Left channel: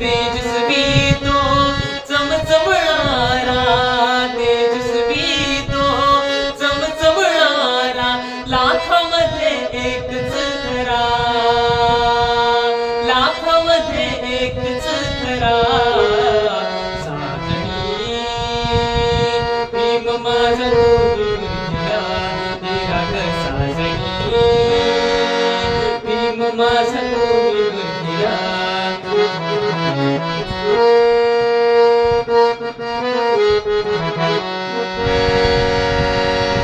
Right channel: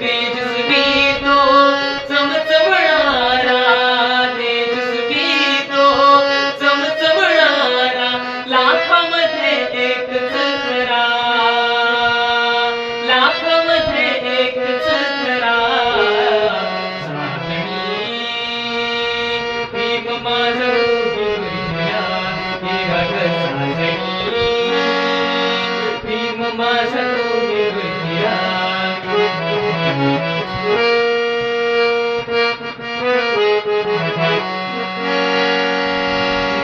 Happy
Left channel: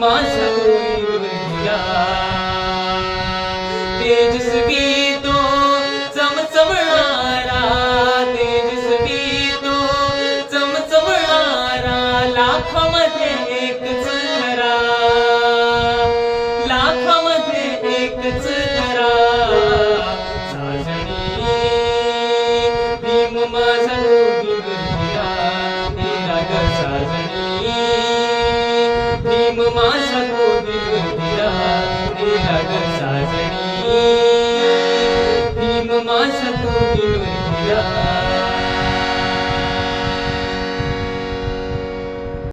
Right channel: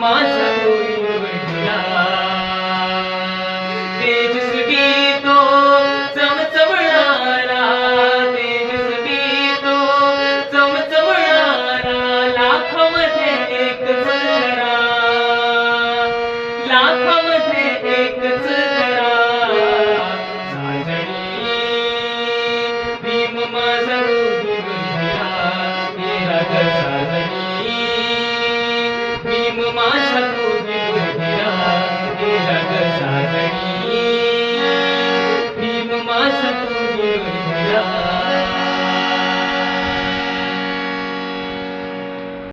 ਮਾਸਾ ਕੋਈ ਵੰਡਿਆ ਤੇਜ ਸਕੀ Namah